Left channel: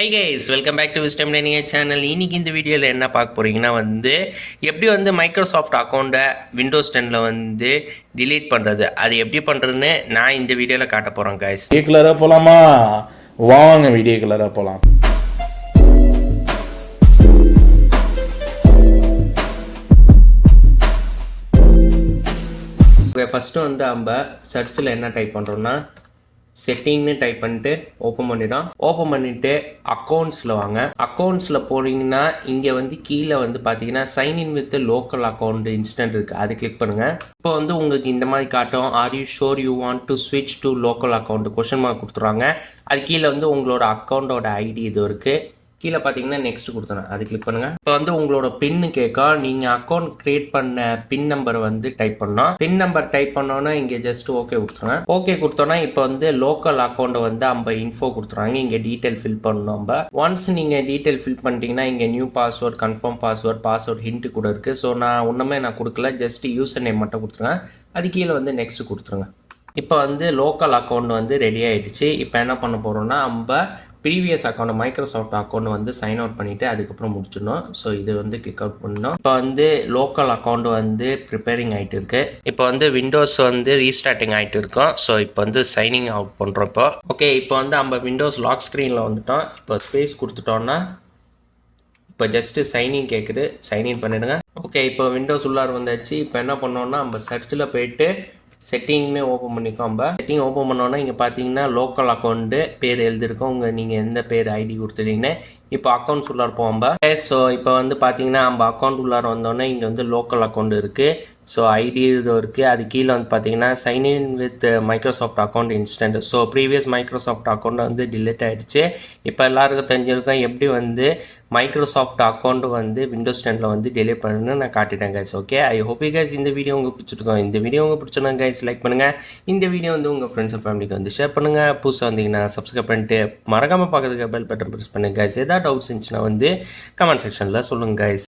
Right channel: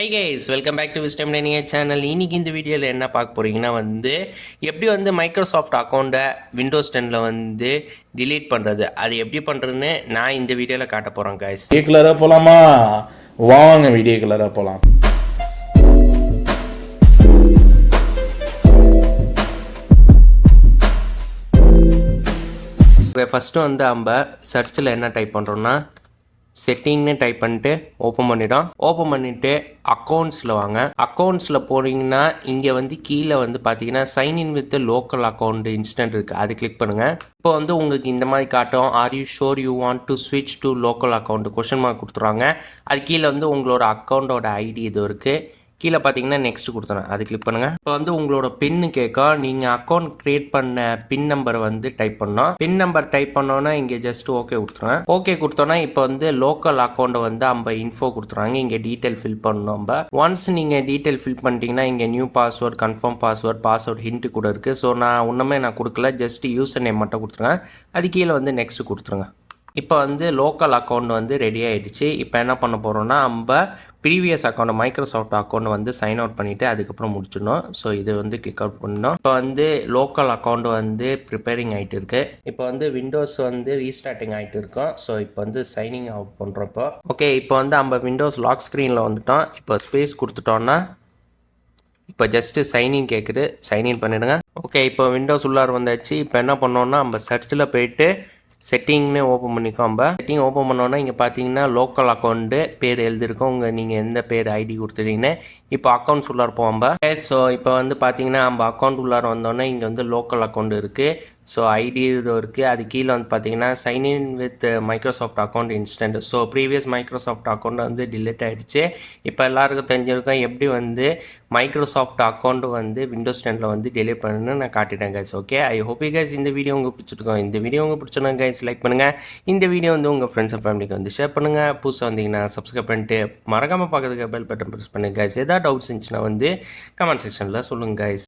Hi guys welcome back to wisdom lining channel இன்னைக்கு இந்த வீடியோவில் என்ன பார்க்க போறீங்கன்னா வந்து எப்படி வந்து மைக்ரோசாஃப்ட் அக்கௌண்ட்டை விண்டோஸ் டென்னில் வந்து delete பண்ணுறது அது எப்படி பண்ணுறதுன்னு நான் இந்த வீடியோவில் காட்ட போகிறேன் கைஸ் வீடியோ கலராக போகலாமா வாங்க வீடியோ கலராக போகலாம் இப்போ ஃபஸ்ட்டு வந்து நம்ம சர்ச்சில் என்ன டைப் பண்ணுறோம்னா செட்டிங்னு டைப் பண்ணிட்டு ஓப்பன் பண்ணிடும் ஓப்பன் பண்ணிவிட்டு அக்கௌண்ட்ஸில் வாங்க. அக்கௌண்ட்ஸில் போனீங்கன்னா இங்கே வந்து கீழே வந்து பார்த்தீங்கன்னா sign in with local account instead இருக்குது அது கிளிக் பண்ணுங்கள் இப்போ வந்து உங்களுக்கு இந்த மாதிரி காட்டும். Are you sure you want to ஸ்விட்ச் to local account question mark கொடுத்துருவாங்க அது கீழே வந்து உங்களோட அக்கௌண்ட்டோட ஐடி இது இருக்குது கீழே பார்த்தீங்கன்னா நெக்ஸ்ட் கொடுத்துறேன். அது கிளிக் பண்ணுங்கள் இப்போ வந்து உங்களோட பின்னு கேட்கும் நீங்கள் அக்கௌண்ட் கிரியேட் பண்ண பின் நம்பர் வந்து டைப் பண்ணோம் பின் நம்பர் டைப் பண்ணோன்னா இங்கே ஜஸ்ட் ஓகே கொடுத்துருவேன் ஓகே கொடுத்தோன்னா இப்போ வந்து லோக்கல் அக்கௌண்ட்டை வந்து நம்ம இன்ஃபோ கொடுத்துருவாங்க. இங்கே டீட்டெயில் ஃபில் பண்ணணும் நம்ம. ஒன்ஸ் நீங்கள் டீட்டெயில் ஃபில் பண்ணிட்டீங்கன்னா இங்கே new password confirm password password hint கூட இருக்குது ஸோ நான் ஒன்றுமே நான் கொடுக்கல. ஜஸ்ட் யூசர் நேம் மட்டும் கொடுத்துருவேன் அது கீழே வந்து நெக்ஸ்ட் கொடுத்துருங்க. இப்போ வந்து லோக்கல் அக்கௌண்ட் வந்து ரெடி ஆகிடுச்சு இப்போ என்ன பண்ண போகிறோம்னா நம்ம ப்ரீவியஸ் அக்கௌண்ட் மைக்ரோசாஃப்ட் அக்கௌண்ட் வந்து சைன் அவுட் பண்ணிவிட்டு அதுக்கப்புறம் முடிச்சிடணும். ஸோ இது வந்து கிளிக் அவுட் பண்ணோம். இப்போ வந்து லோக்கல் அக்கௌண்ட் வந்து ப்ரிப்பேரிங் ஆகிட்டு இருக்கு. இப்போ வந்து விண்டோஸ் வந்து ரீஸ்டார்டிங் ஆகிட்டு இருக்கும். ஸோ இப்போ வந்து சைனிங் அவுட் பண்ணுறோம் இப்போ ஓகே இப்போ வந்து நம்ம விண்டோஸ் லாக் ஸ்க்ரீனில் வந்துட்டோம். இப்போ ஸ்பேஸ் கொடுத்துட்டோம்னா இப்போ ஜஸ்ட்டு சைனிங் கேட்குது சைன்இன் பண்ணிடுங்க. ஓகே இப்போ விண்டோஸ் உள்ளார வந்தாச்சு. இப்போ என்ன பண்ணோன்னா நம்ம சர்ச்சில் போயிட்டு செட்டிங்னு ஓப்பன் பண்ணிக்கோ நம்ம செட்டிங் ஓப்பன் பண்ணோன்னா இங்கே பார்த்தீங்கன்னா லோக்கல் அக்கௌண்ட்டு பேர் எழுதிருக்கோம். உங்கள் நீங்கள் எந்த பேர் ஐடி கொடுத்துட்டீங்கன்னு இப்போ அக்கௌண்ட்ஸ் உள்ளார போவோம் ஸோ இப்போ வந்து பார்த்தீங்கன்னா நம்ம அக்கௌண்ட் உள்ளார வந்தோடனே இங்கே வந்து லோக்கல் அக்கௌண்ட் இருக்குது ஸோ ஐடி இது இருக்குது அது கீழே வந்து பார்த்தீங்கன்னா sign in with Microsoft account instead so previous Microsoft account வந்து டிலீட் ஆகிடுச்சு இப்போ எல்லாருக்கும் தெரிஞ்சிருக்கோம் எப்படி வந்து மைக்ரோசாஃப்ட் அக்கௌண்ட் வந்து விண்டோஸ் டென்னில் வந்து டெலிட் பண்ணணும்னு நான் காட்டிட்டேன் guys okay I hope guys இந்த வீடியோ உங்களுக்கு பிடிச்சிருக்கோம். இந்த வீடியோ உங்களுக்கு பிடிச்சோன்னா கைஸ் லைக் பண்ணுங்கள் இந்த வீடியோ வந்து உங்கள் ஃப்ரெண்ட்ஸ் அண்ட் ஃபேமிலிக்கு வந்து ஷேர் பண்ணுங்கள் புதுசாக வந்தீங்கன்னா சப்ஸ்கிரைப் பண்ணிட்டு மறக்காமல் பார்க்கறதுக்கு பெல் பட்டன் ப்ரெஸ் பண்ணுங்கள் கைஸ் ஏதாவது டவுட்ஸ் இருந்துச்சுன்னா வந்து கமெண்ட் செக்ஷனில் சொல்லுங்கள் கைஸ்